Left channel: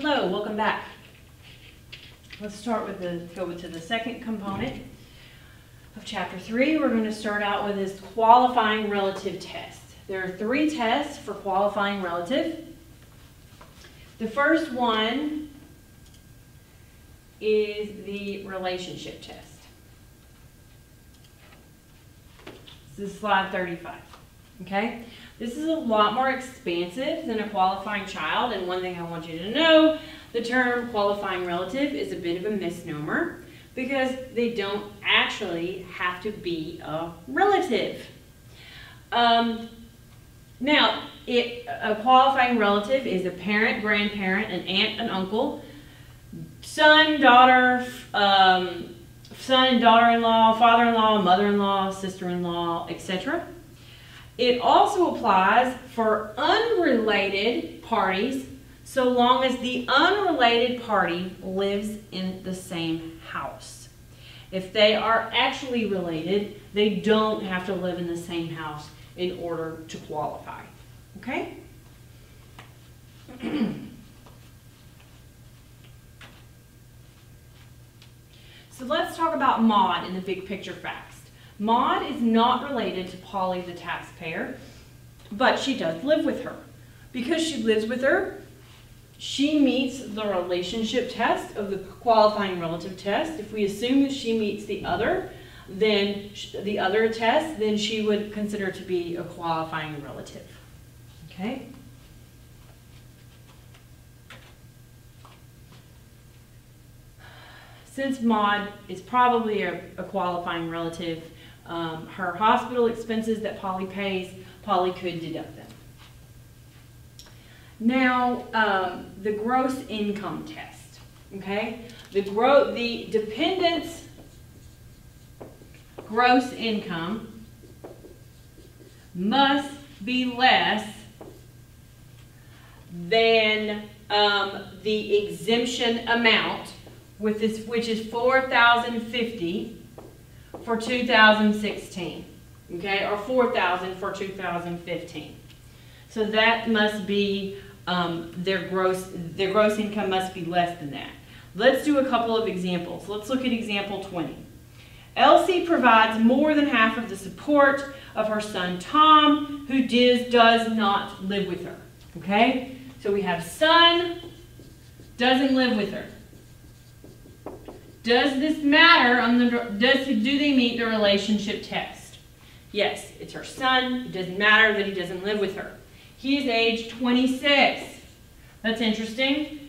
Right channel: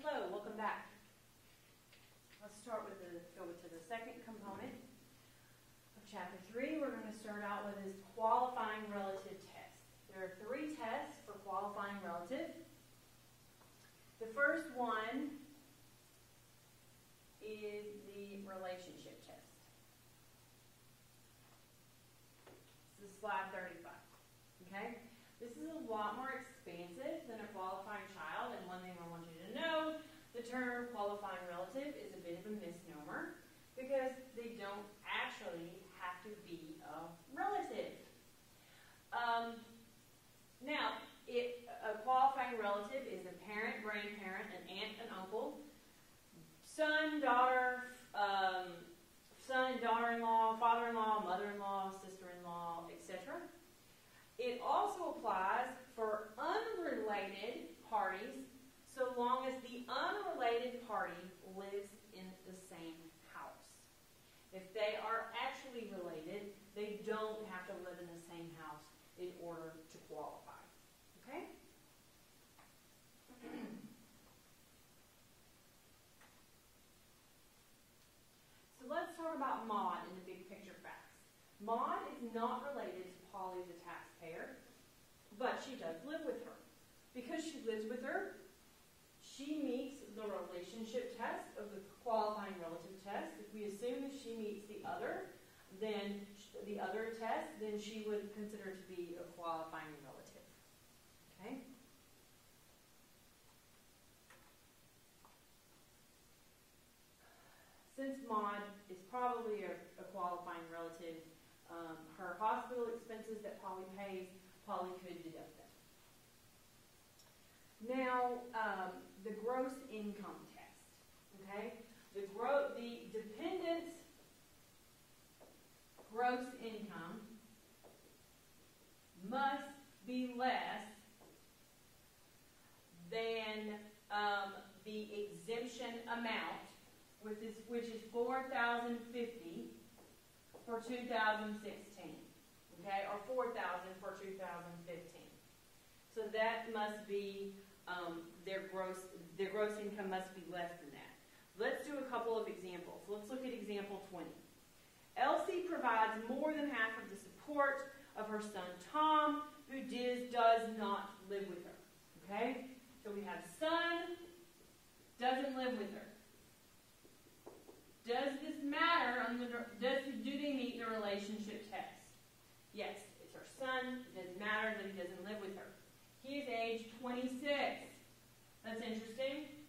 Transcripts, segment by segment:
Hello, welcome back. Let's start with go to the second component of chapter 3. We're going to start out with this qualifying relative test. There are 3 tests for qualifying relative. The first one is the relationship test. This is slide 35. Okay? This is a lot more expansive than a qualifying child, and one thing I want you to know, the term qualifying relative is a bit of a misnomer because they don't actually have to be a relative. Now, a qualifying relative is a parent, grandparent, an aunt, an uncle, son, daughter, son and daughter-in-law, father-in-law, mother-in-law, sister-in-law, etc. It also applies for unrelated parties so long as the unrelated party lives in the same house. If they are actually related, they don't have to live in the same house in order to qualify. Okay? So let's talk about Maud in the big picture facts. Maud is not related to Polly the taxpayer, but she does live with her. Because she lives with her, she meets the relationship test of the qualifying relative test. If we assume that she meets the other test, then she would consider to be a qualifying relative. Okay? Since Maud is probably a qualifying relative, her hospital expenses that Polly pays, Polly could deduct them. Now, the gross income test, okay? The dependent's gross income must be less than the exemption amount, which is $4,050 for 2016, okay, or $4,000 for 2015. So that must be their gross income must be less than that. Let's do a couple of examples. Let's look at example 20. Elsie provides more than half of the support of her son Tom, who does not live with her. Okay, so we have son doesn't live with her. Does this matter do they meet the relationship test? Yes, it's her son. It doesn't matter that he doesn't live with her. He is age 26. That's interesting.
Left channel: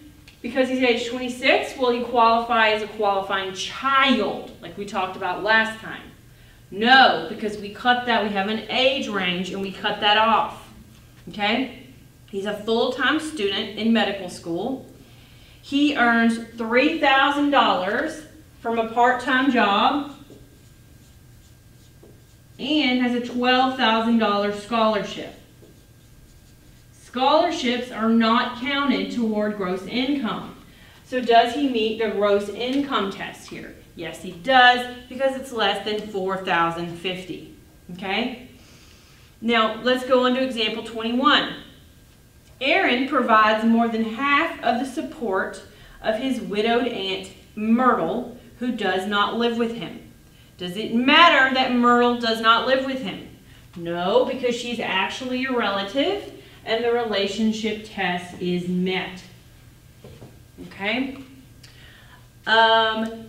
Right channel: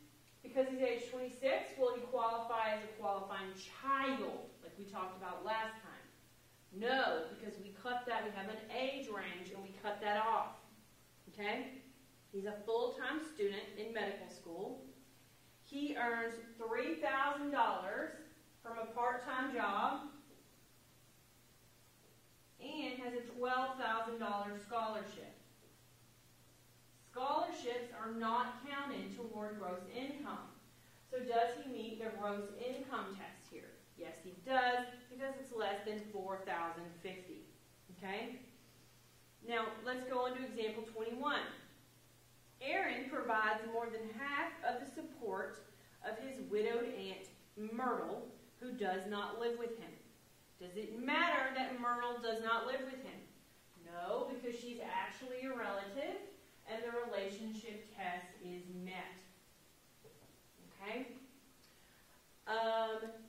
Because he's age 26, will he qualify as a qualifying child, like we talked about last time? No, because we cut that. We have an age range, and we cut that off. Okay? He's a full-time student in medical school. He earns $3,000 from a part-time job and has a $12,000 scholarship. Scholarships are not counted toward gross income. So does he meet the gross income test here? Yes, he does, because it's less than $4,050. Okay? Now, let's go on to example 21. Aaron provides more than half of the support of his widowed aunt, Myrtle, who does not live with him. Does it matter that Myrtle does not live with him? No, because she's actually a relative, and the relationship test is met. Okay?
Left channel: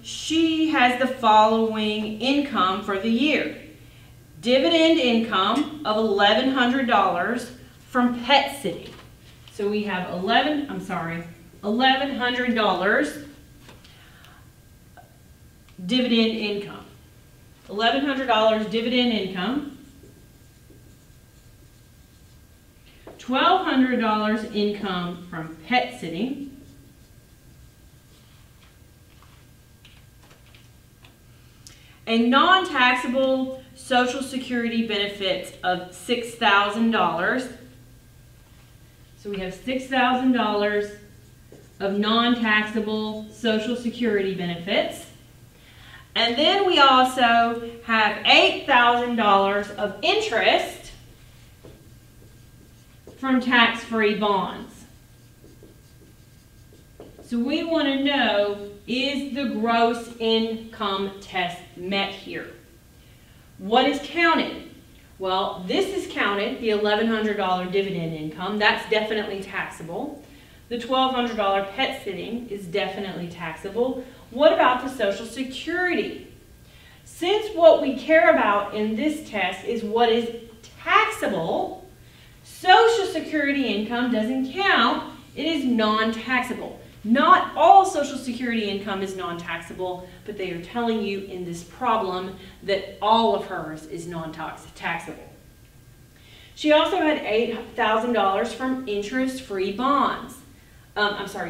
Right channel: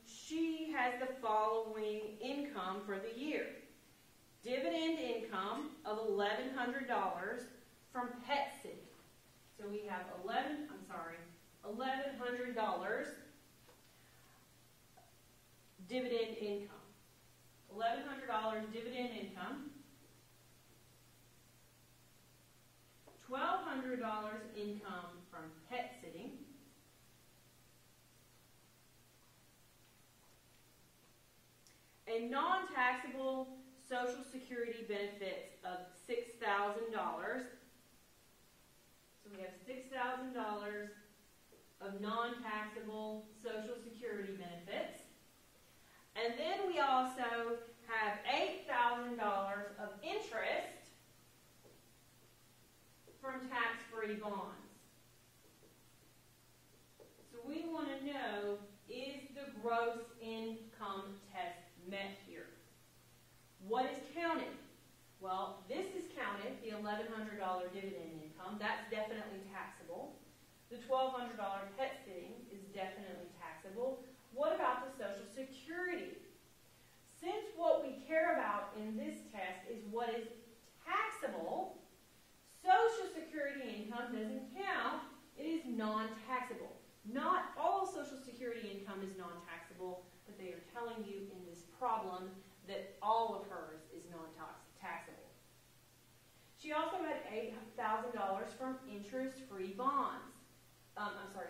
She has the following income for the year. Dividend income of $1,100 from Pet City. So we have $1,100 dividend income. $1,100 dividend income. $1,200 income from Pet City. A non-taxable Social Security benefits of $6,000. So we have $6,000 of non-taxable Social Security benefits. And then we also have $8,000 of interest from tax-free bonds. So we want to know, is the gross income test met here? What is counted? Well, this is counted, the $1,100 dividend income. That's definitely taxable. The $1,200 pet sitting is definitely taxable. What about the Social Security? Since what we care about in this test is what is taxable, Social Security income doesn't count. It is non-taxable. Not all Social Security income is non-taxable, but they are telling you in this problem that all of hers is non-taxable. She also had $8,000 from interest-free bonds.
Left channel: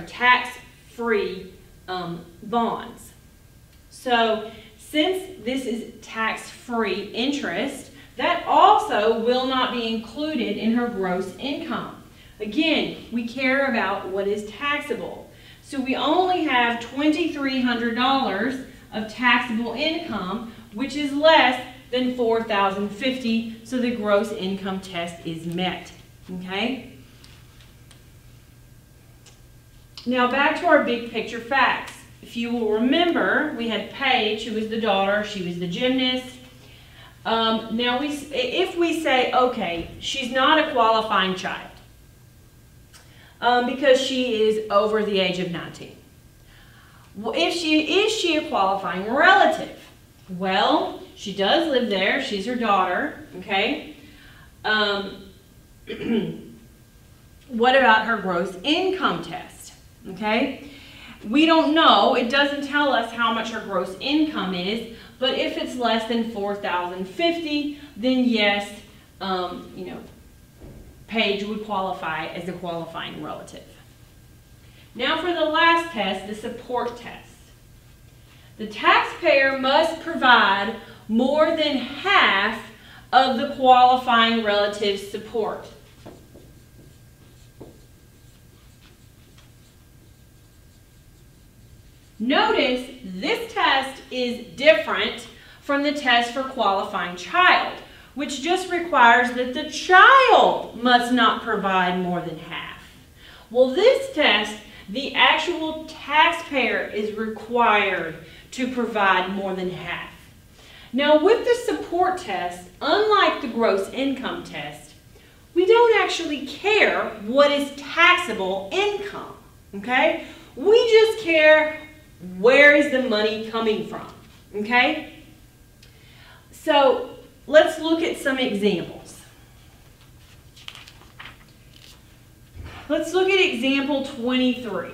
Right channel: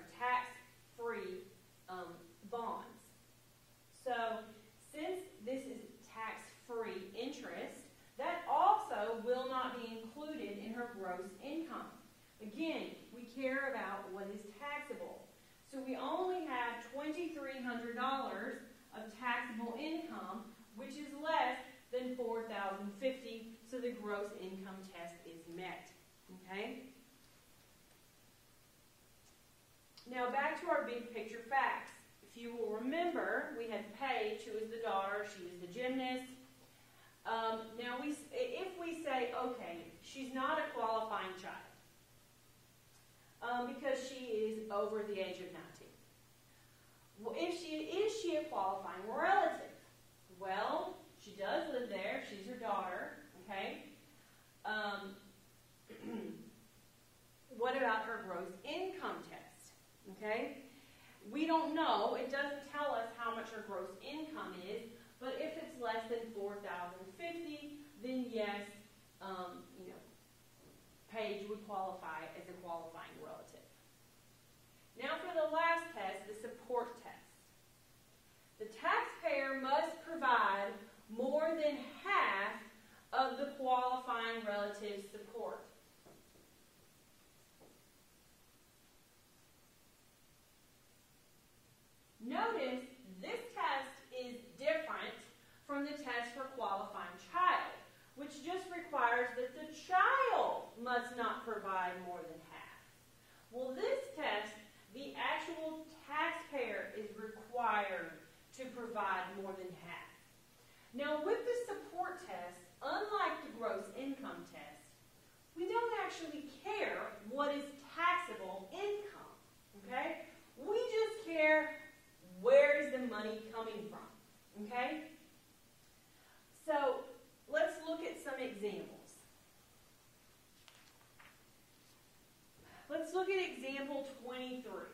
Tax-free bonds. So since this is tax-free interest, that also will not be included in her gross income. Again, we care about what is taxable. So we only have $2,300 of taxable income, which is less than $4,050, so the gross income test is met. Okay? Now back to our big picture facts. If you will remember, we had Paige, who was the daughter, she was the gymnast. Now if we say, okay, she's not a qualifying child, because she is over the age of 19. Is she a qualifying relative? Well, she does live there. She's her daughter, okay? What about her gross income test, okay? We don't know. It doesn't tell us how much her gross income is, but if it's less than $4,050, then yes, Paige would qualify as a qualifying relative. Now for the last test, the support test. The taxpayer must provide more than half of the qualifying relative's support. Notice this test is different from the test for qualifying child, which just requires that the child must not provide more than half. Well, this test, the actual taxpayer is required to provide more than half. Now, with the support test, unlike the gross income test, we don't actually care what is taxable income, okay? We just care where is the money coming from, okay? So, let's look at some examples. Let's look at example 23.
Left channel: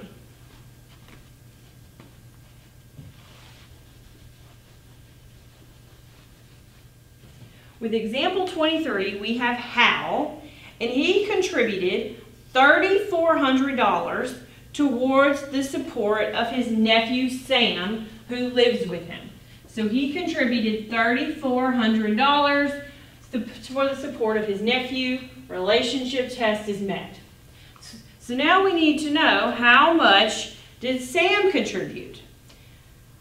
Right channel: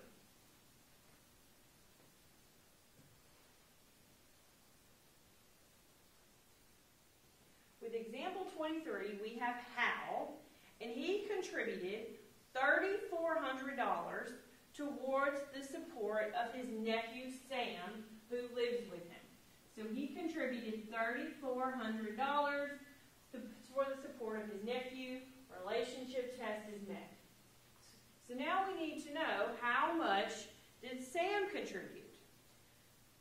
With example 23, we have Hal, and he contributed $3,400 towards the support of his nephew Sam, who lives with him. So he contributed $3,400 for the support of his nephew. Relationship test is met. So now we need to know, how much did Sam contribute?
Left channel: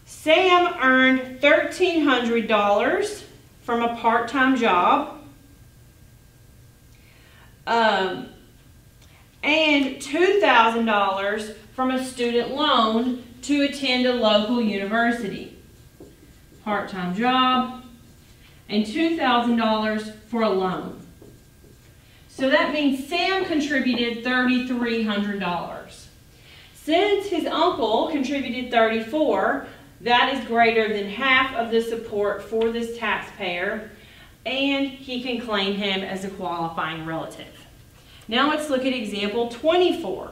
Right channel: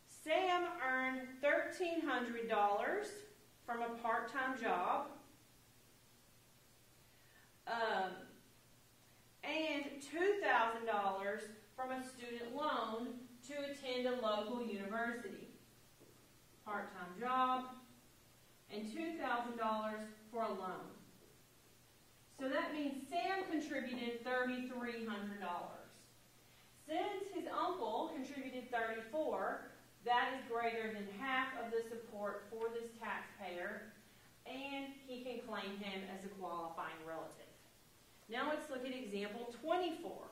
Sam earned $1,300 from a part-time job, and $2,000 from a student loan to attend a local university. Part-time job, and $2,000 for a loan. So that means Sam contributed $3,300. Since his uncle contributed $34,000, that is greater than half of the support for this taxpayer, and he can claim him as a qualifying relative. Now let's look at example 24.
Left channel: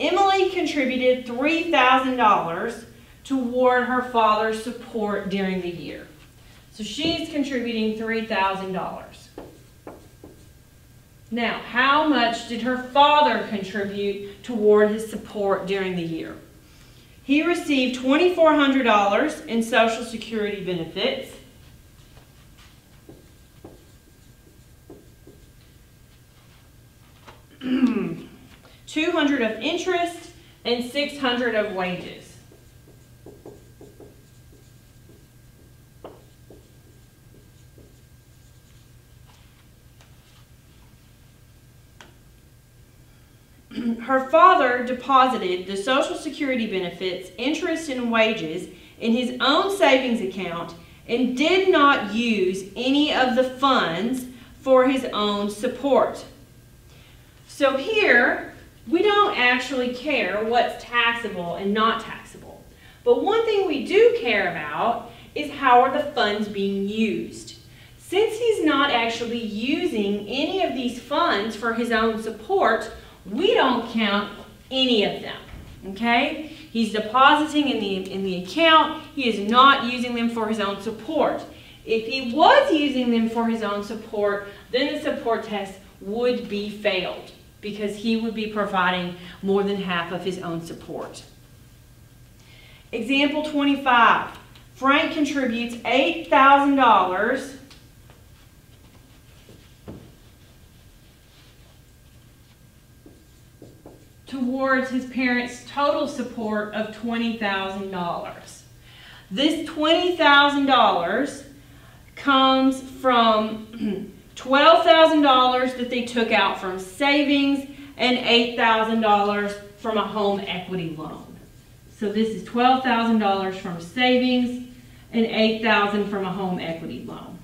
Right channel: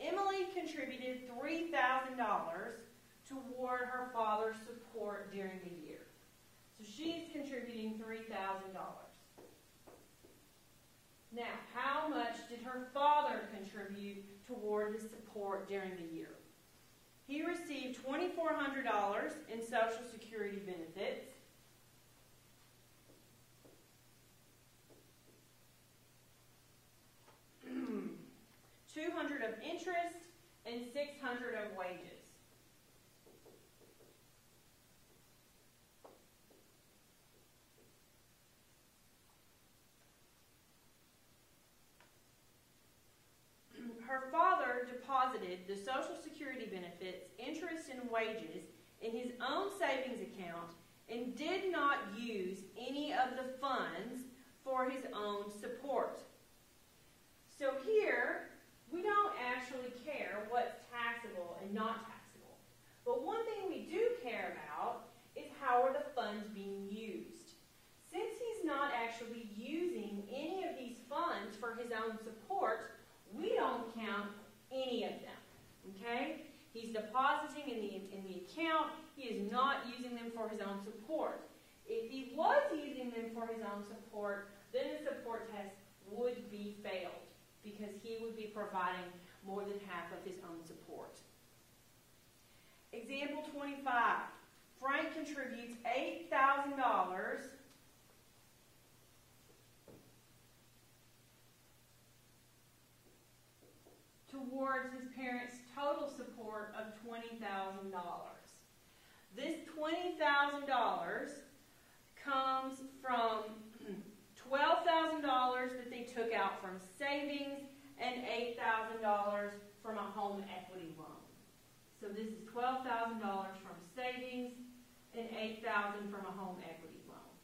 Emily contributed $3,000 toward her father's support during the year. So she's contributing $3,000. Now, how much did her father contribute toward his support during the year? He received $2,400 in Social Security benefits, $200 of interest, and $600 of wages. her father deposited the Social Security benefits, interest, and wages in his own savings account and did not use any of the funds for his own support. So here, we don't actually care what's taxable and not taxable. But one thing we do care about is how are the funds being used. Since he's not actually using any of these funds for his own support, we don't count any of them, okay? He's depositing in the account. He is not using them for his own support. If he was using them for his own support, then the support test would be failed because he would be providing more than half of his own support. Example 25. Frank contributes $8,000 towards his parents' total support of $20,000. This $20,000 comes from $12,000 that they took out from savings and $8,000 from a home equity loan. So this is $12,000 from savings and $8,000 from a home equity loan.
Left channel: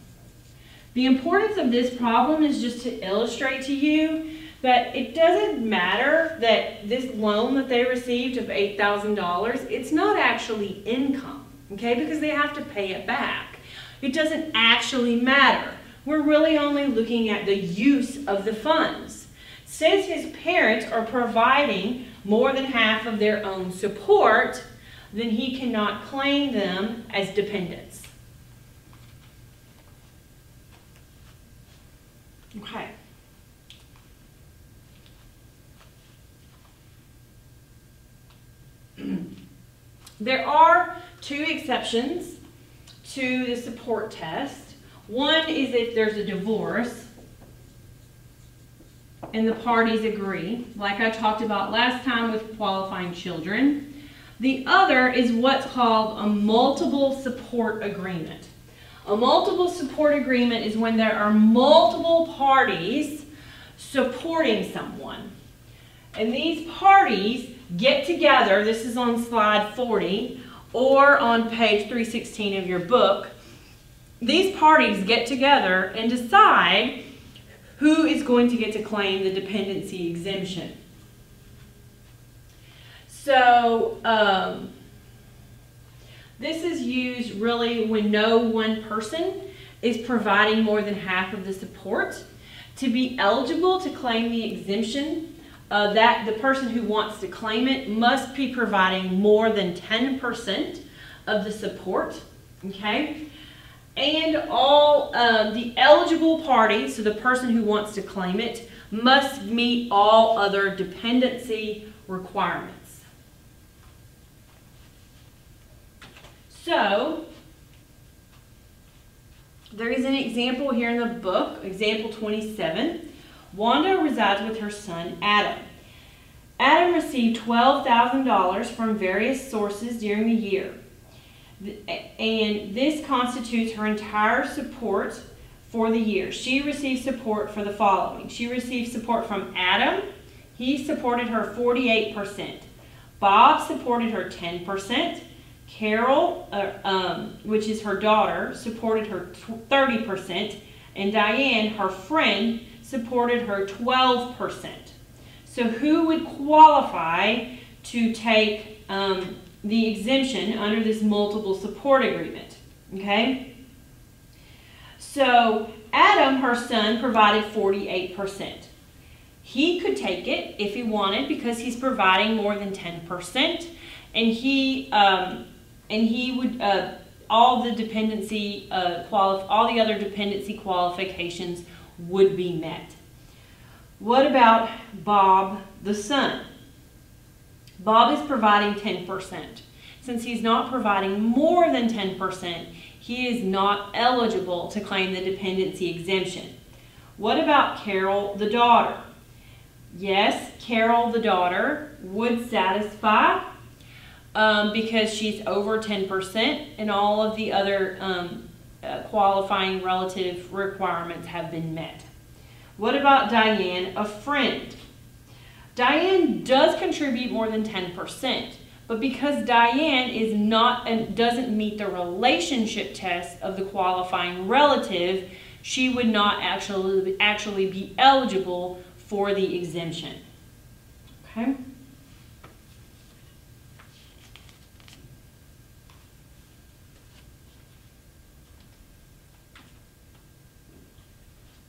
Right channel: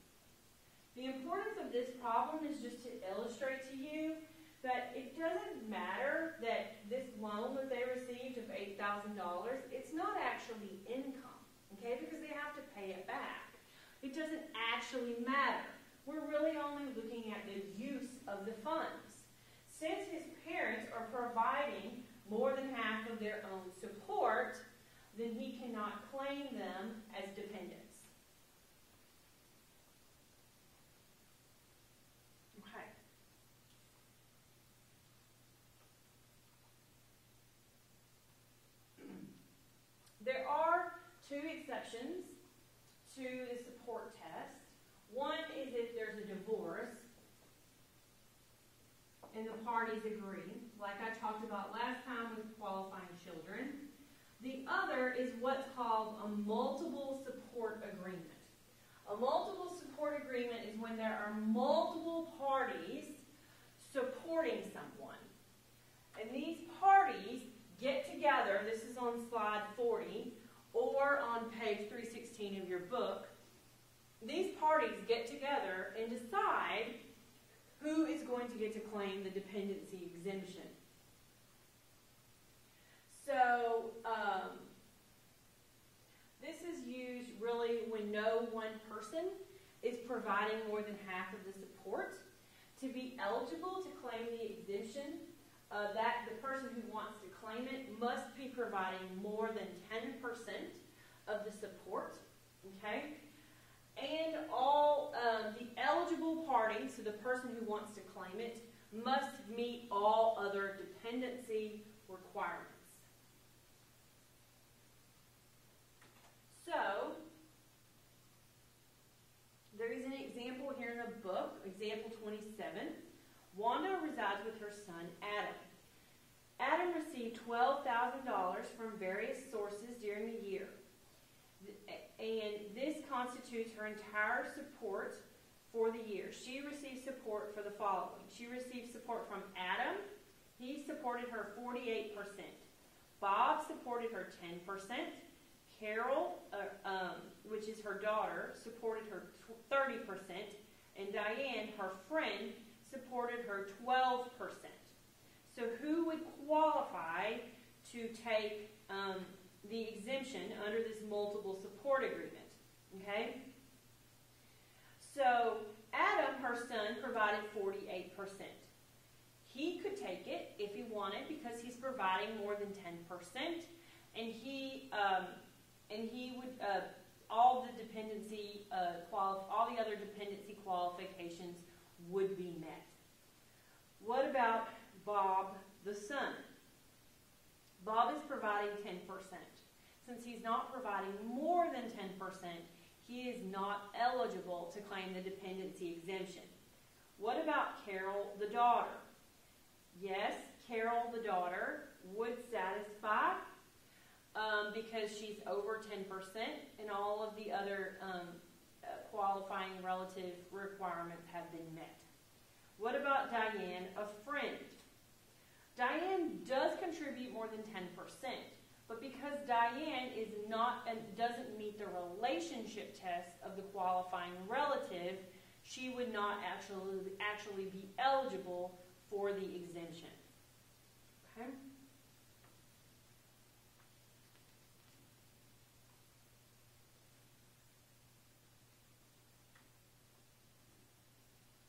The importance of this problem is just to illustrate to you that it doesn't matter that this loan that they received of $8,000, it's not actually income, okay, because they have to pay it back. It doesn't actually matter. We're really only looking at the use of the funds. Since his parents are providing more than half of their own support, then he cannot claim them as dependents. Okay. There are two exceptions to the support test. One is if there's a divorce and the parties agree, like I talked about last time with qualifying children. The other is what's called a multiple support agreement. A multiple support agreement is when there are multiple parties supporting someone. And these parties get together, this is on slide 40, or on page 316 of your book. These parties get together and decide who is going to get to claim the dependency exemption. So, this is used really when no one person is providing more than half of the support. To be eligible to claim the exemption, that the person who wants to claim it must be providing more than 10% of the support, okay? And all the eligible parties, so the person who wants to claim it, must meet all other dependency requirements. So, there is an example here in the book, example 27. Wanda resides with her son, Adam. Adam received $12,000 from various sources during the year. And this constitutes her entire support for the year. She received support for the following. She received support from Adam. He supported her 48%. Bob supported her 10%. Carol, which is her daughter, supported her 30%. And Diane, her friend, supported her 12%. So who would qualify to take the exemption under this multiple support agreement? Okay? So Adam, her son, provided 48%. He could take it if he wanted because he's providing more than 10%, and he would all the other dependency qualifications would be met. What about Bob, the son? Bob is providing 10%. Since he's not providing more than 10%, he is not eligible to claim the dependency exemption. What about Carol, the daughter? Yes, Carol, the daughter, would satisfy because she's over 10% and all of the other qualifying relative requirements have been met. What about Diane, a friend? Diane does contribute more than 10%, but because Diane is not and doesn't meet the relationship test of the qualifying relative, she would not actually be eligible for the exemption. Okay?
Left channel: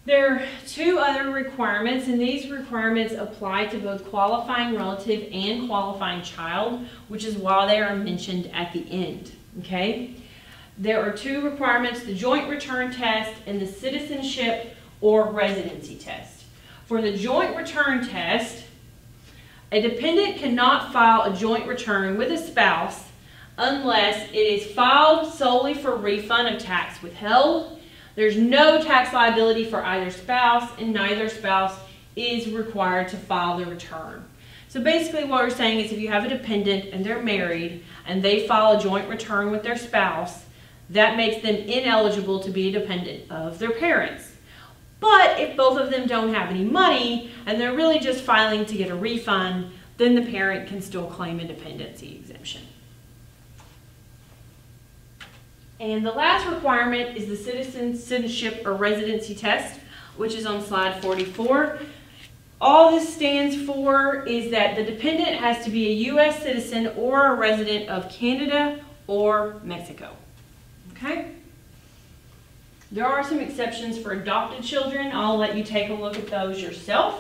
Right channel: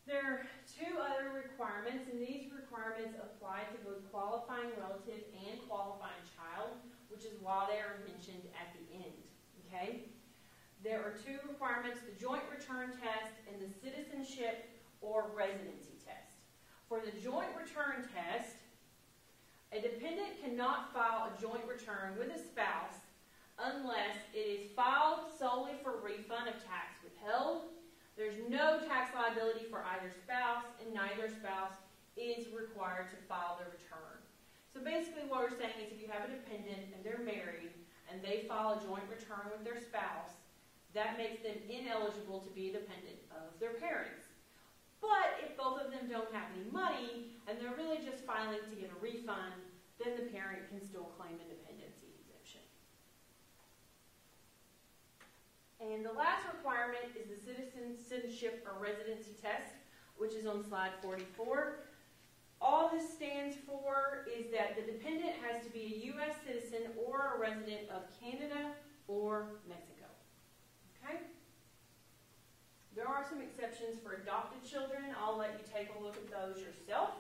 There are two other requirements, and these requirements apply to both qualifying relative and qualifying child, which is why they are mentioned at the end. Okay? There are two requirements, the joint return test and the citizenship or residency test. For the joint return test, a dependent cannot file a joint return with a spouse unless it is filed solely for refund of tax withheld. There's no tax liability for either spouse, and neither spouse is required to file the return. So basically what we're saying is if you have a dependent and they're married and they file a joint return with their spouse, that makes them ineligible to be a dependent of their parents. But if both of them don't have any money and they're really just filing to get a refund, then the parent can still claim a dependency exemption. And the last requirement is the citizenship or residency test, which is on slide 44. All this stands for is that the dependent has to be a U.S. citizen or a resident of Canada or Mexico. Okay? There are some exceptions for adopted children. I'll let you take a look at those yourself.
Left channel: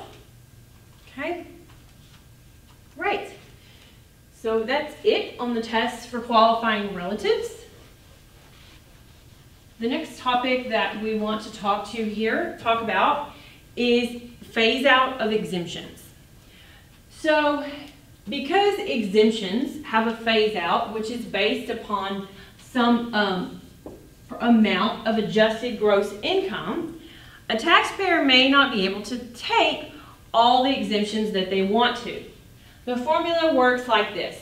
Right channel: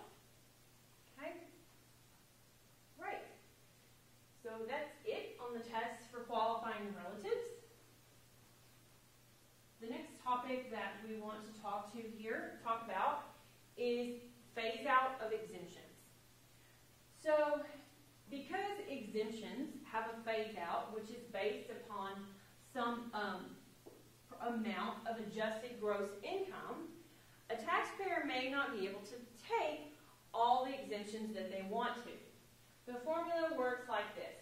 Okay? Right. So that's it on the tests for qualifying relatives. The next topic that we want to talk about is phase out of exemptions. So because exemptions have a phase out, which is based upon some amount of adjusted gross income, a taxpayer may not be able to take all the exemptions that they want to. The formula works like this.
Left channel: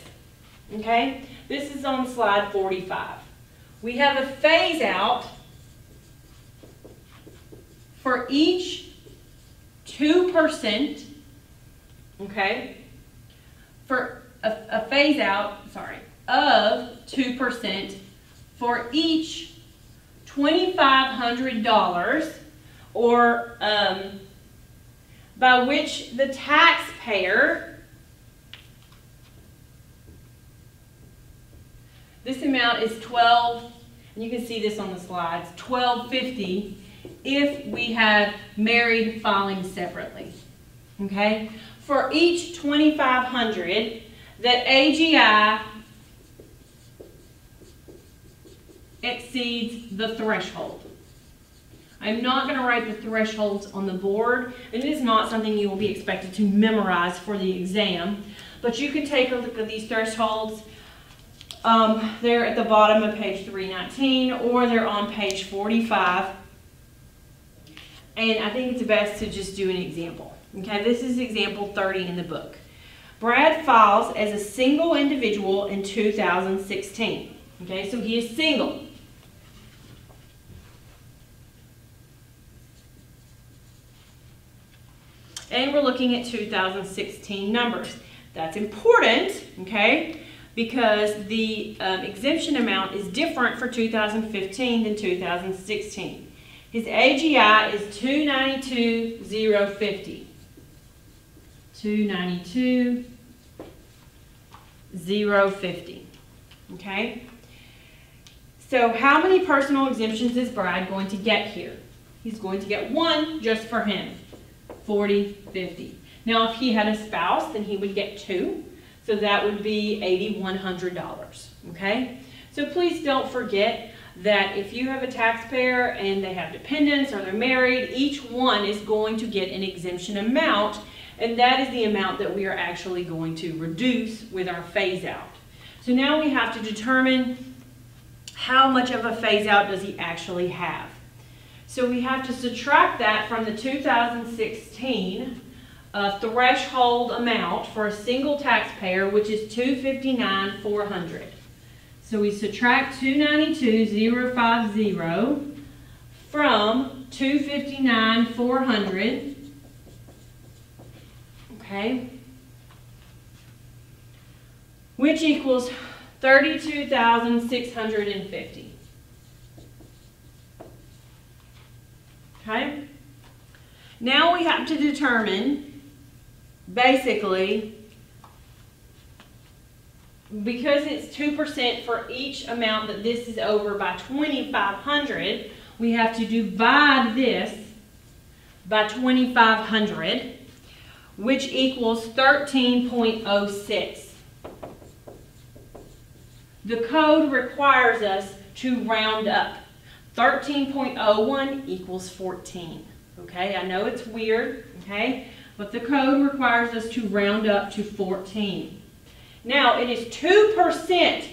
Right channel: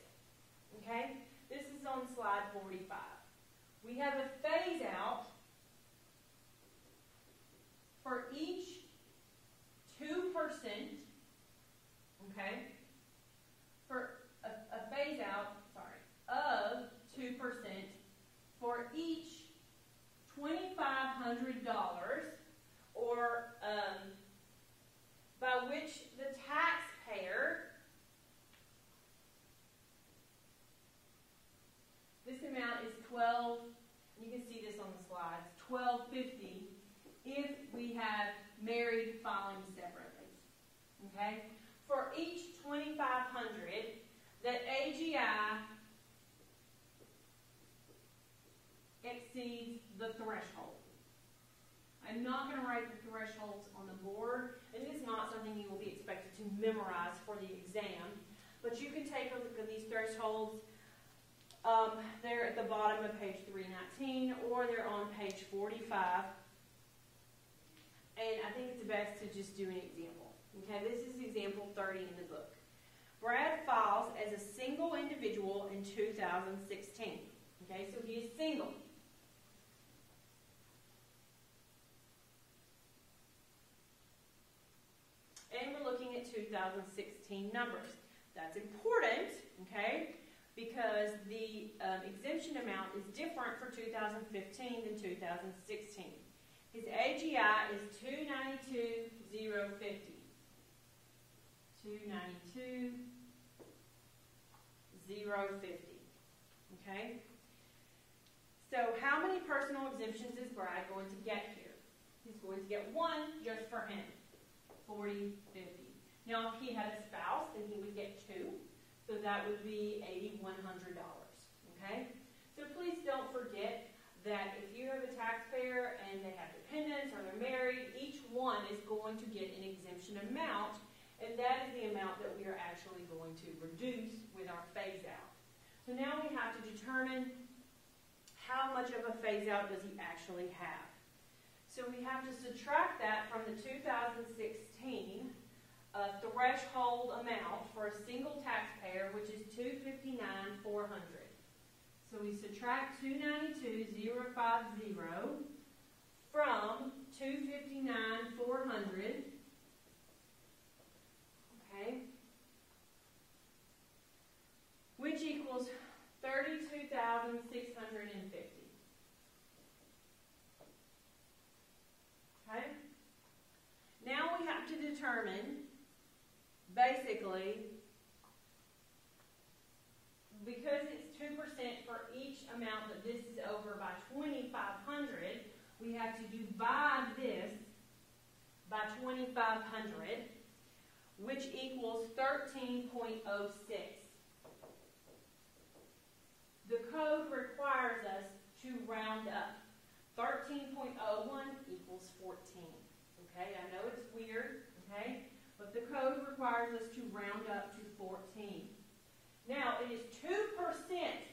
Okay? This is on slide 45. We have a phase out for each 2%, okay, for a phase out, of 2% for each $2,500 or by which the taxpayer, this amount is $12, and you can see this on the slides, $12.50 if we have married filing separately. Okay? For each $2,500 that AGI exceeds the threshold. I'm not going to write the thresholds on the board. It is not something you will be expected to memorize for the exam, but you can take a look at these thresholds. They're at the bottom of page 319, or they're on page 45. And I think it's best to just do an example. Okay, this is example 30 in the book. Brad files as a single individual in 2016. Okay, so he is single. And we're looking at 2016 numbers. That's important, okay, because the exemption amount is different for 2015 than 2016. His AGI is $292,050. $292,050. Okay? So how many personal exemptions is Brad going to get here? He's going to get one just for him. $40.50. Now if he had a spouse, then he would get two. So that would be $8,100. Okay? So please don't forget that if you have a taxpayer and they have dependents or they're married, each one is going to get an exemption amount, and that is the amount that we are actually going to reduce with our phase out. So now we have to determine how much of a phase out does he actually have. So we have to subtract that from the 2016 threshold amount for a single taxpayer, which is $259,400. So we subtract $292,050 from $259,400. Okay, which equals $32,650. Okay? Now we have to determine, basically, because it's 2% for each amount that this is over by 2,500, we have to divide this by 2,500, which equals 13.06. The code requires us to round up. 13.01 equals 14. Okay, I know it's weird, okay, but the code requires us to round up to 14. Now, it is 2%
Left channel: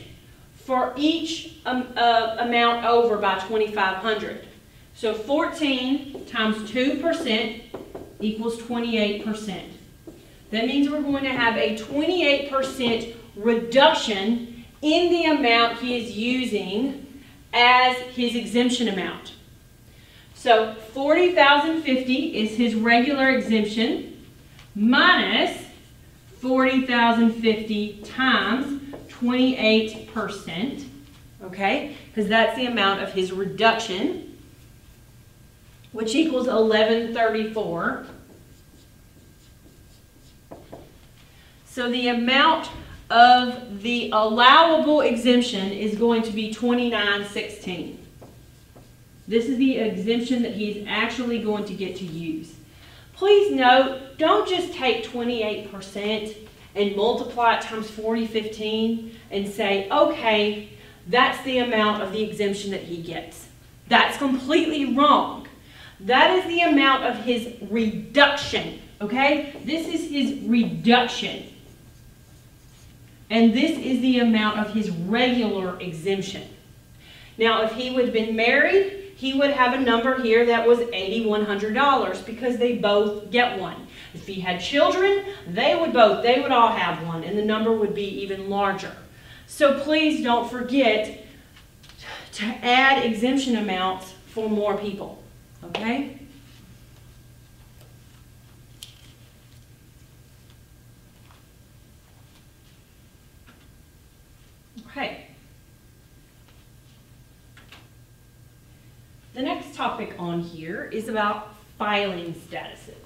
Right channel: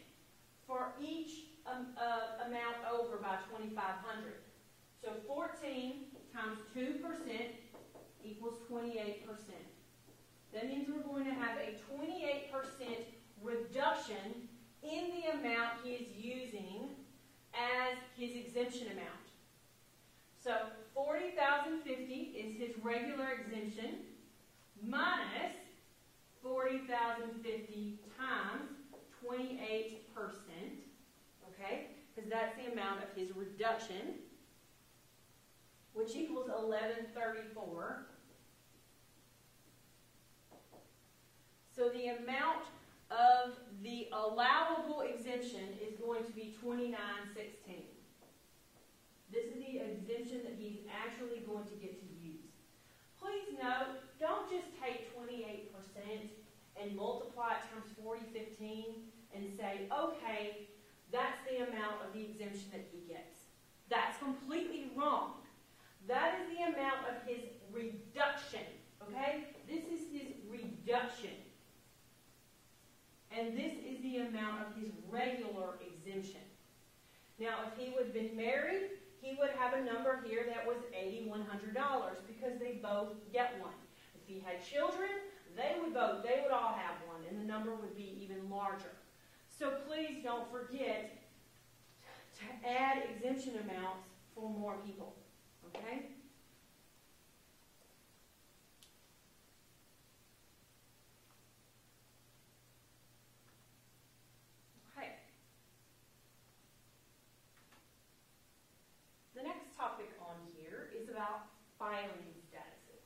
for each amount over by 2,500. So 14 times 2% equals 28%. That means we're going to have a 28% reduction in the amount he is using as his exemption amount. So 40,050 is his regular exemption minus 40,050 times 28%, okay? Because that's the amount of his reduction, which equals 1134. So the amount of the allowable exemption is going to be 2916. This is the exemption that he's actually going to get to use. Please note, don't just take 28% and multiply it times 4015 and say, okay, that's the amount of the exemption that he gets. That's completely wrong. That is the amount of his reduction, okay? This is his reduction. And this is the amount of his regular exemption. Now, if he would have been married, he would have a number here that was $8,100 because they both get one. If he had children, they would all have one, and the number would be even larger. So please don't forget to add exemption amounts for more people, okay? Okay. The next topic on here is about filing statuses.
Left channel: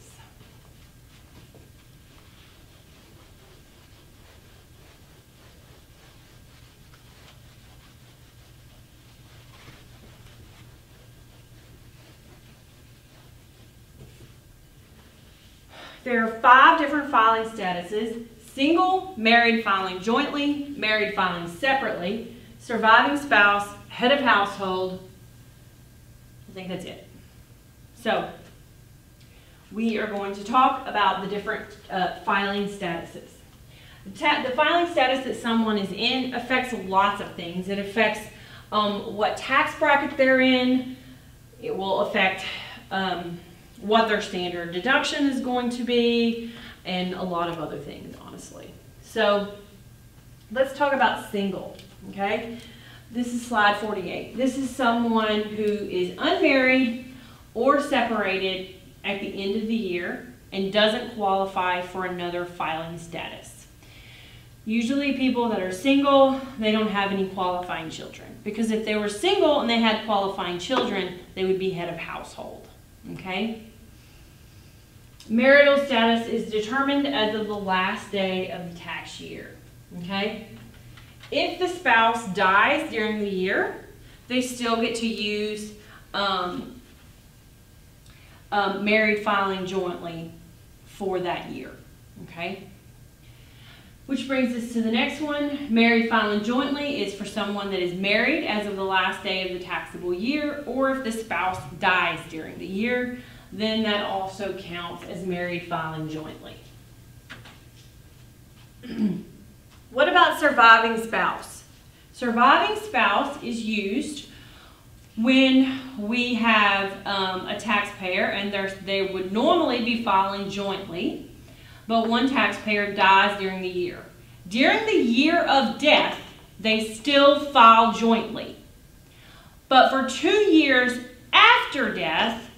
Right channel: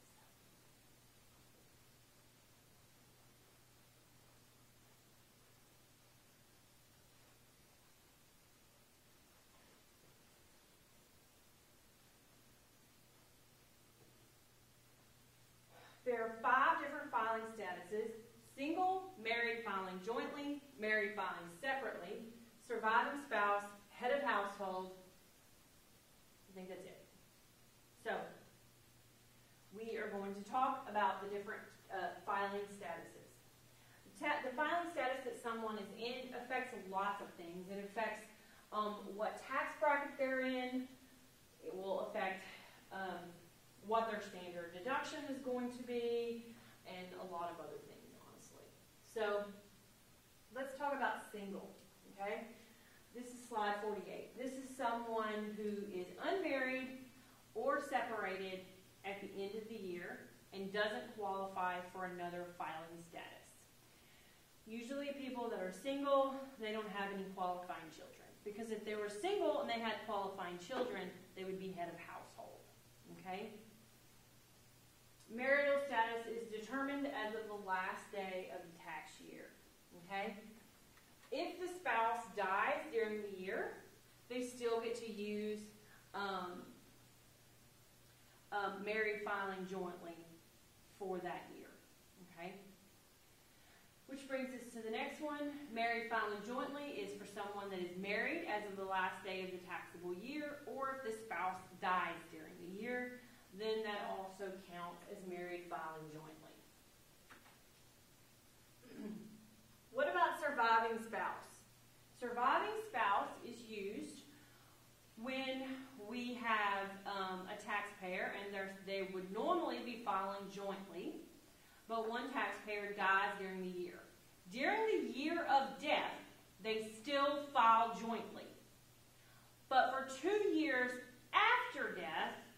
There are 5 different filing statuses: single, married filing jointly, married filing separately, surviving spouse, head of household. I think that's it. So, we are going to talk about the different filing statuses. The filing status that someone is in affects lots of things. It affects what tax bracket they're in. It will affect what their standard deduction is going to be, and a lot of other things, honestly. So, let's talk about single, okay? This is slide 48. This is someone who is unmarried or separated at the end of the year and doesn't qualify for another filing status. Usually people that are single, they don't have any qualifying children, because if they were single and they had qualifying children, they would be head of household, okay? Marital status is determined as of the last day of the tax year, okay? If the spouse dies during the year, they still get to use married filing jointly for that year, okay? Which brings us to the next one. Married filing jointly is for someone that is married as of the last day of the taxable year, or if the spouse dies during the year, then that also counts as married filing jointly. What about surviving spouse? Surviving spouse is used when we have a taxpayer and they would normally be filing jointly, but one taxpayer dies during the year. During the year of death, they still file jointly. But for 2 years after death,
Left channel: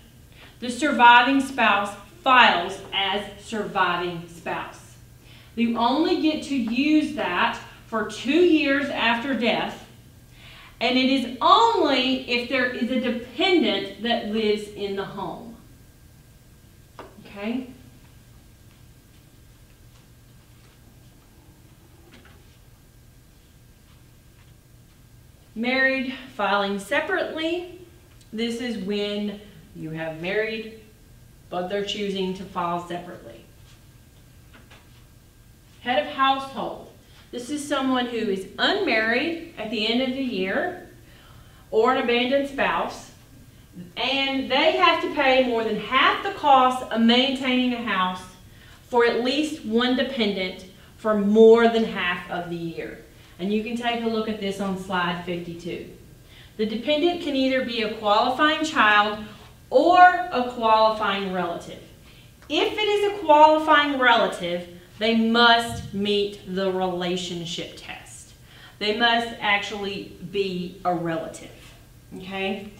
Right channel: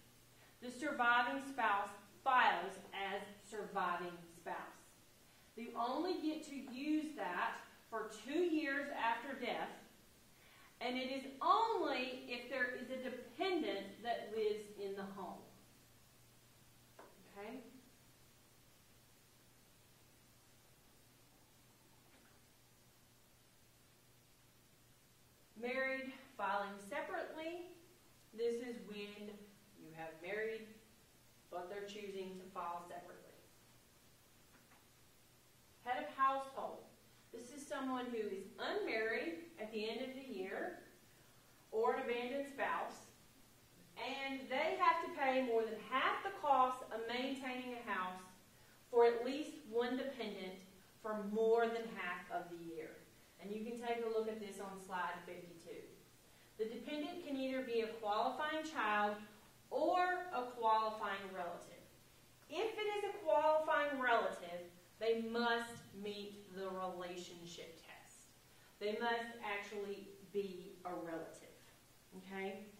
the surviving spouse files as surviving spouse. You only get to use that for 2 years after death, and it is only if there is a dependent that lives in the home. Okay? Married filing separately. This is when you have married, but they're choosing to file separately. Head of household. This is someone who is unmarried at the end of the year or an abandoned spouse, and they have to pay more than half the cost of maintaining a house for at least one dependent for more than half of the year. And you can take a look at this on slide 52. The dependent can either be a qualifying child or a qualifying relative. If it is a qualifying relative, they must meet the relationship test. They must actually be a relative, okay?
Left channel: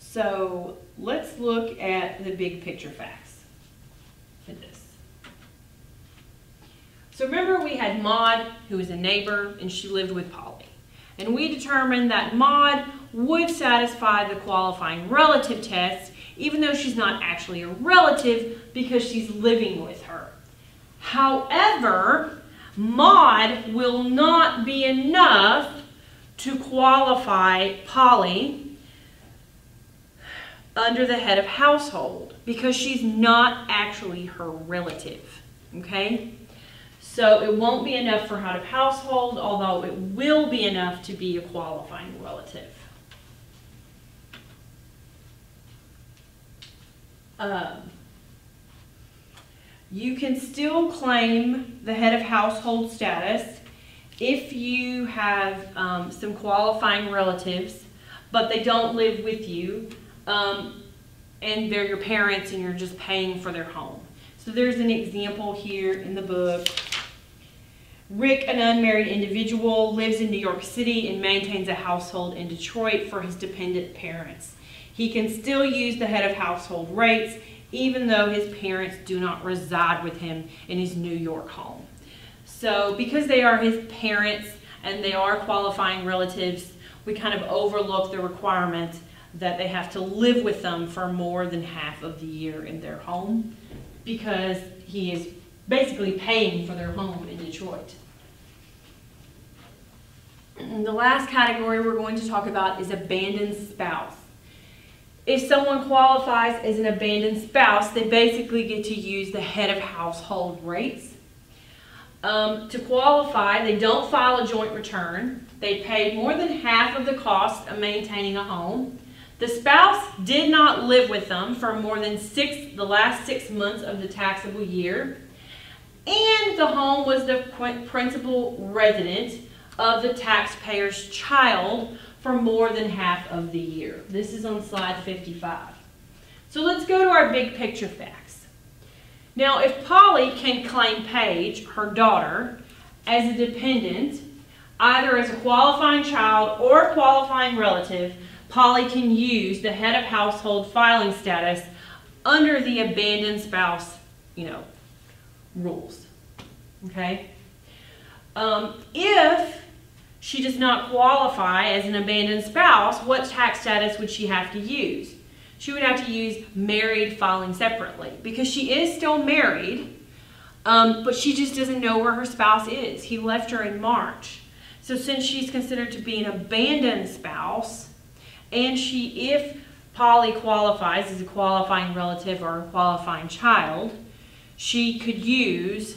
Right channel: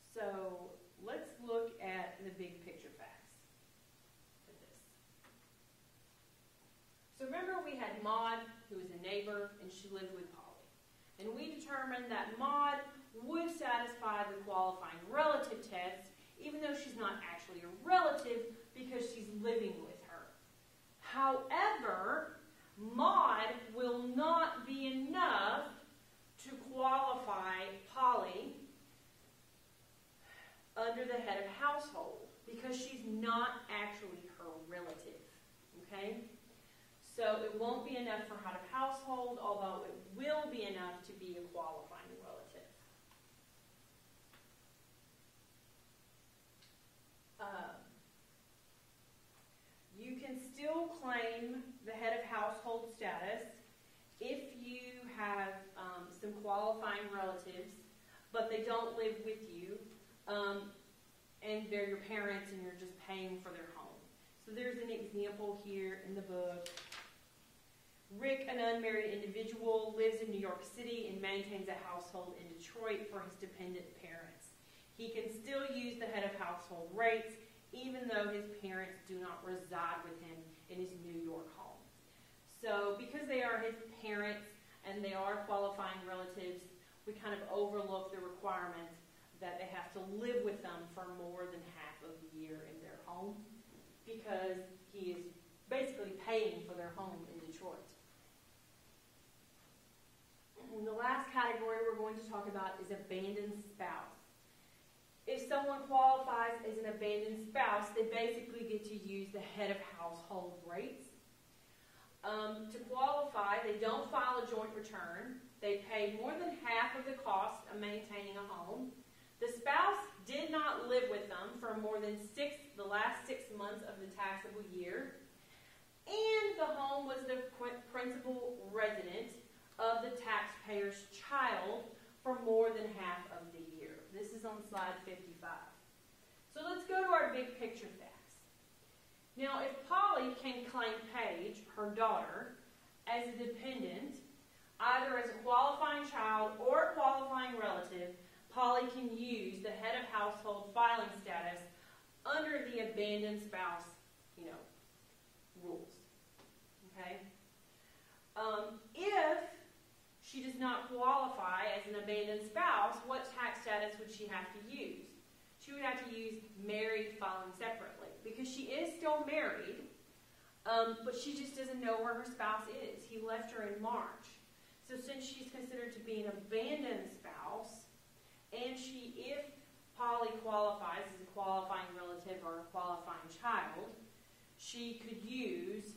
So let's look at the big picture facts for this. So remember we had Maud, who was a neighbor, and she lived with Polly. And we determined that Maud would satisfy the qualifying relative test, even though she's not actually a relative because she's living with her. However, Maud will not be enough to qualify Polly under the head of household because she's not actually her relative, okay? So it won't be enough for head of household, although it will be enough to be a qualifying relative. You can still claim the head of household status if you have some qualifying relatives, but they don't live with you, and they're your parents and you're just paying for their home. So there's an example here in the book. Rick, an unmarried individual, lives in New York City and maintains a household in Detroit for his dependent parents. He can still use the head of household rates even though his parents do not reside with him in his New York home. So because they are his parents and they are qualifying relatives, we kind of overlook the requirement that they have to live with them for more than half of the year in their home because he is basically paying for their home in Detroit. And the last category we're going to talk about is abandoned spouse. If someone qualifies as an abandoned spouse, they basically get to use the head of household rates. To qualify, they don't file a joint return. They pay more than half of the cost of maintaining a home. The spouse did not live with them for more than the last 6 months of the taxable year. And the home was the principal resident of the taxpayer's child for more than half of the year. This is on slide 55. So let's go to our big picture facts. Now, if Polly can claim Paige, her daughter, as a dependent, either as a qualifying child or a qualifying relative, Polly can use the head of household filing status under the abandoned spouse, rules. Okay? If she does not qualify as an abandoned spouse, what tax status would she have to use? She would have to use married filing separately because she is still married, but she just doesn't know where her spouse is. He left her in March. So since she's considered to be an abandoned spouse, and if Polly qualifies as a qualifying relative or a qualifying child, she could use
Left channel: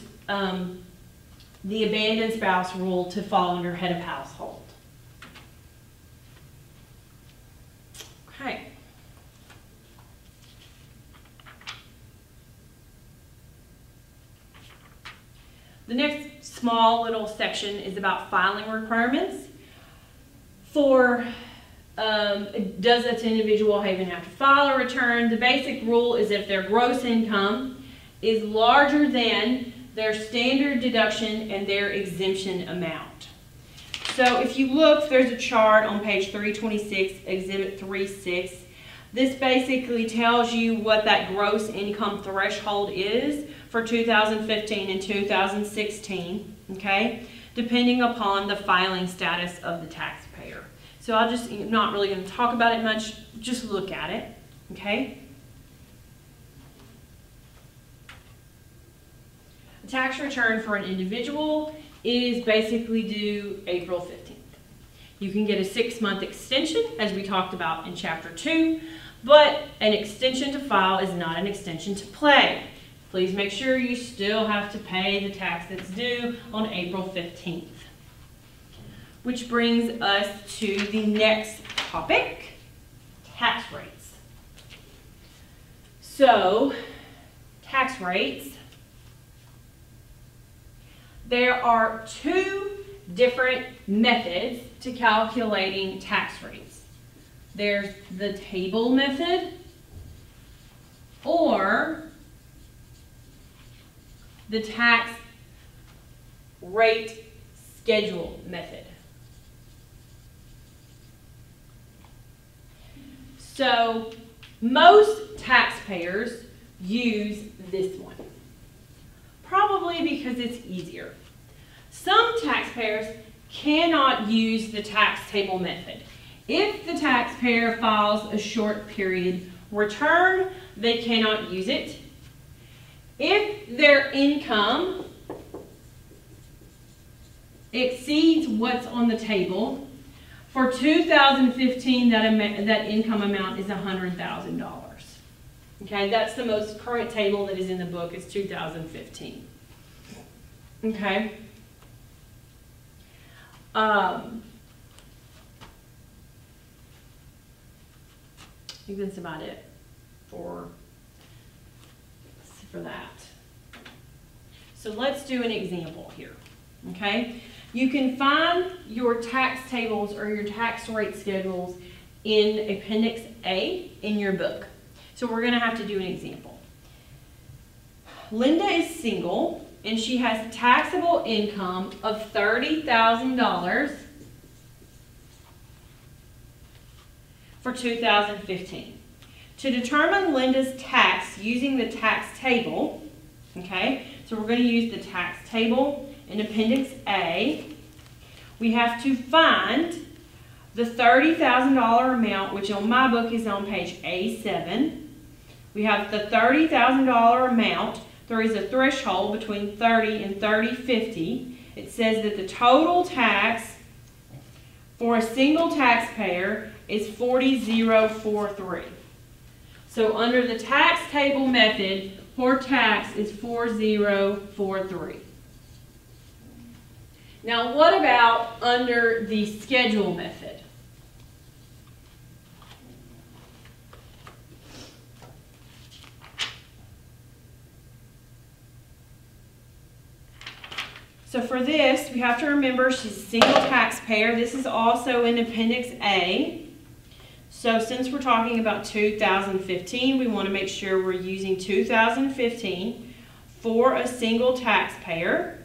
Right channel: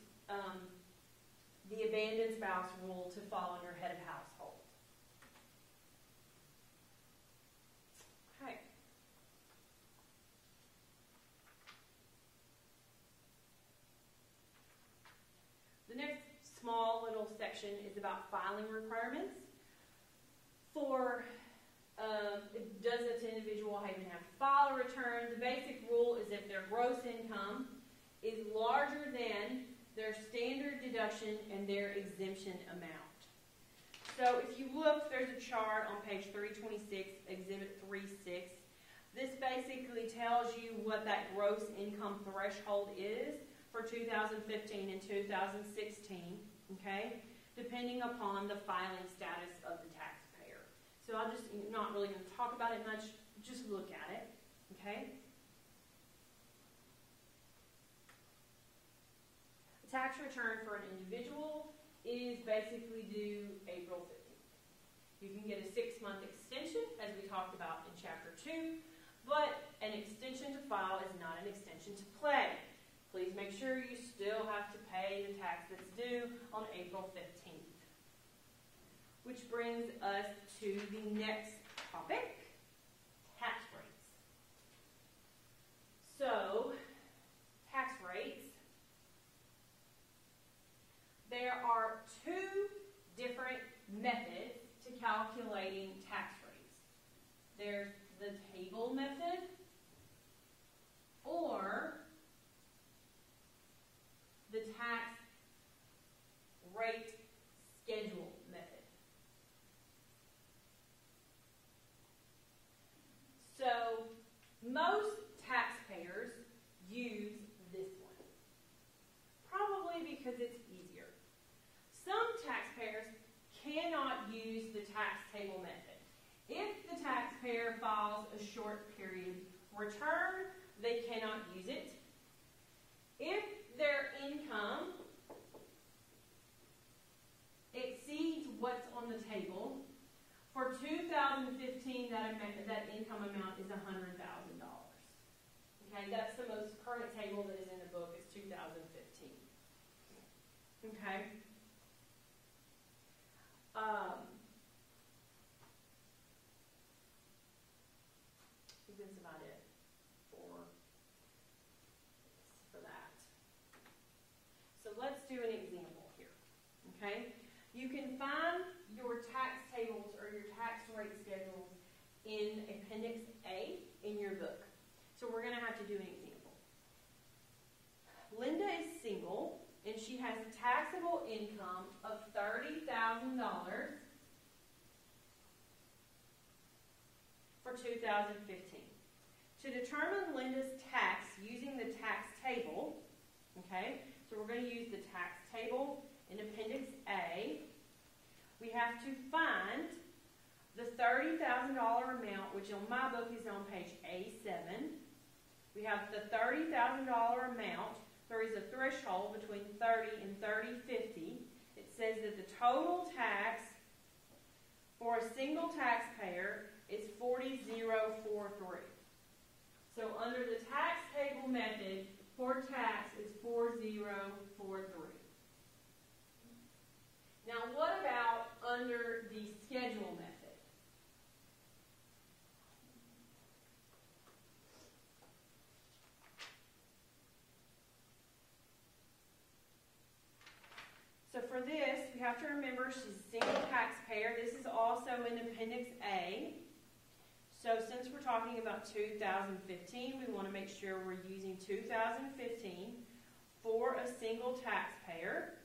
the abandoned spouse rule to fall under head of household. Okay. The next small little section is about filing requirements. For does an individual even have to file a return? The basic rule is if their gross income is larger than their standard deduction and their exemption amount. So if you look, there's a chart on page 326, Exhibit 3.6. This basically tells you what that gross income threshold is for 2015 and 2016, okay, depending upon the filing status of the taxpayer. So I'll just, not really going to talk about it much, just look at it, okay? A tax return for an individual is basically due April 15th. You can get a 6-month extension, as we talked about in Chapter 2, but an extension to file is not an extension to pay. Please make sure you still have to pay the tax that's due on April 15th. Which brings us to the next topic, tax rates. So, tax rates. There are 2 different methods to calculating tax rates. There's the table method or the tax rate schedule method. So most taxpayers use this one, probably because it's easier. Some taxpayers cannot use the tax table method. If the taxpayer files a short period return, they cannot use it. If their income exceeds what's on the table, for 2015, that income amount is $100,000. Okay, that's the most current table that is in the book, is 2015. Okay. I think that's about it for that. So let's do an example here, okay? You can find your tax tables or your tax rate schedules in Appendix A in your book. So we're going to have to do an example. Linda is single and she has taxable income of $30,000 for 2015. To determine Linda's tax using the tax table, okay, so we're going to use the tax table in Appendix A. We have to find the $30,000 amount, which on my book is on page A7. We have the $30,000 amount. There is a threshold between 30 and 3050. It says that the total tax for a single taxpayer is 40,043. So under the tax table method, her tax is 4043. Now what about under the schedule method? So for this, we have to remember she's a single taxpayer. This is also in Appendix A. So since we're talking about 2015, we want to make sure we're using 2015 for a single taxpayer.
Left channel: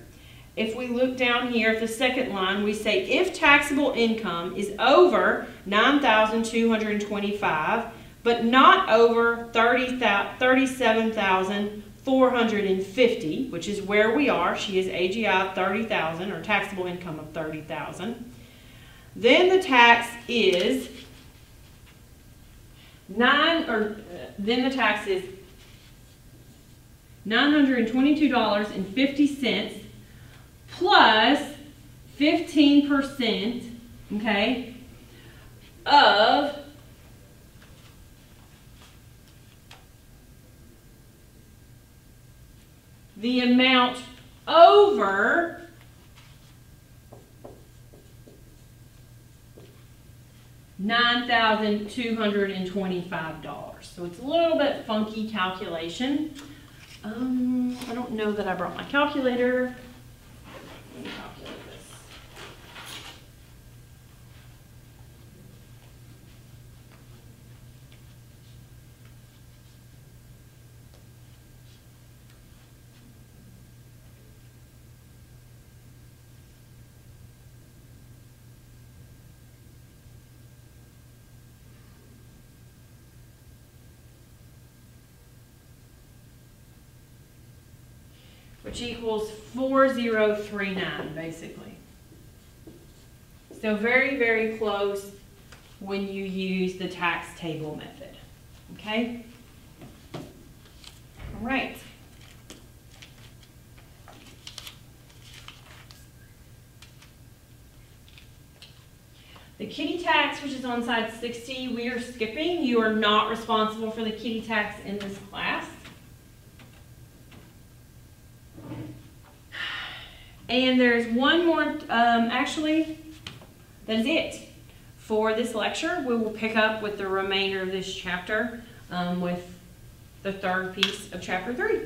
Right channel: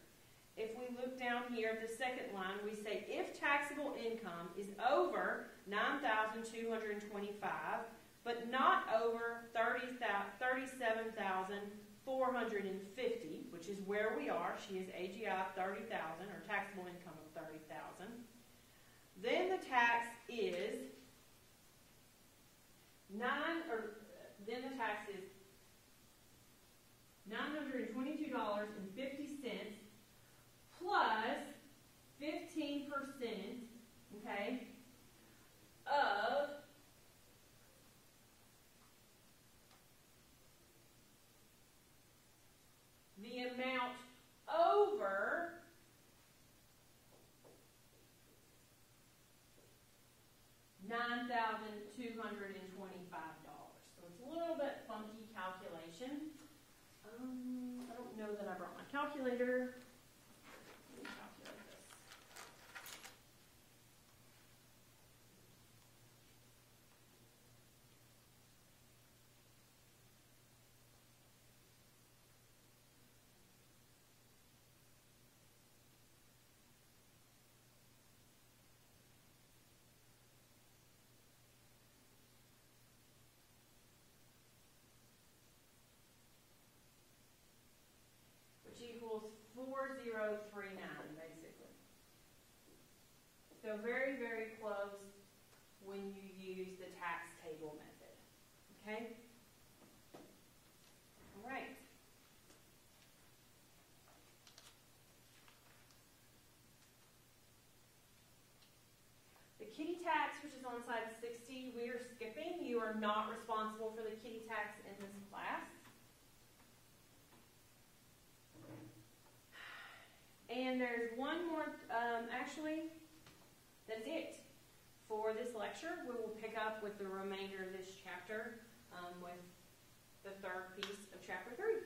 If we look down here at the second line, we say if taxable income is over $9,225, but not over $37,450, which is where we are. She is AGI 30,000 or taxable income of 30,000. Then the tax is $922.50 plus 15%, okay, of the amount over $9,225. So it's a little bit funky calculation. I don't know that I brought my calculator. Let me calculate this. which equals 4039, basically. So very, very close when you use the tax table method, okay? All right. The kitty tax, which is on side 60, we are skipping. You are not responsible for the kitty tax in this class. And there's one more, actually, that is it for this lecture. We will pick up with the remainder of this chapter with the third piece of chapter 3.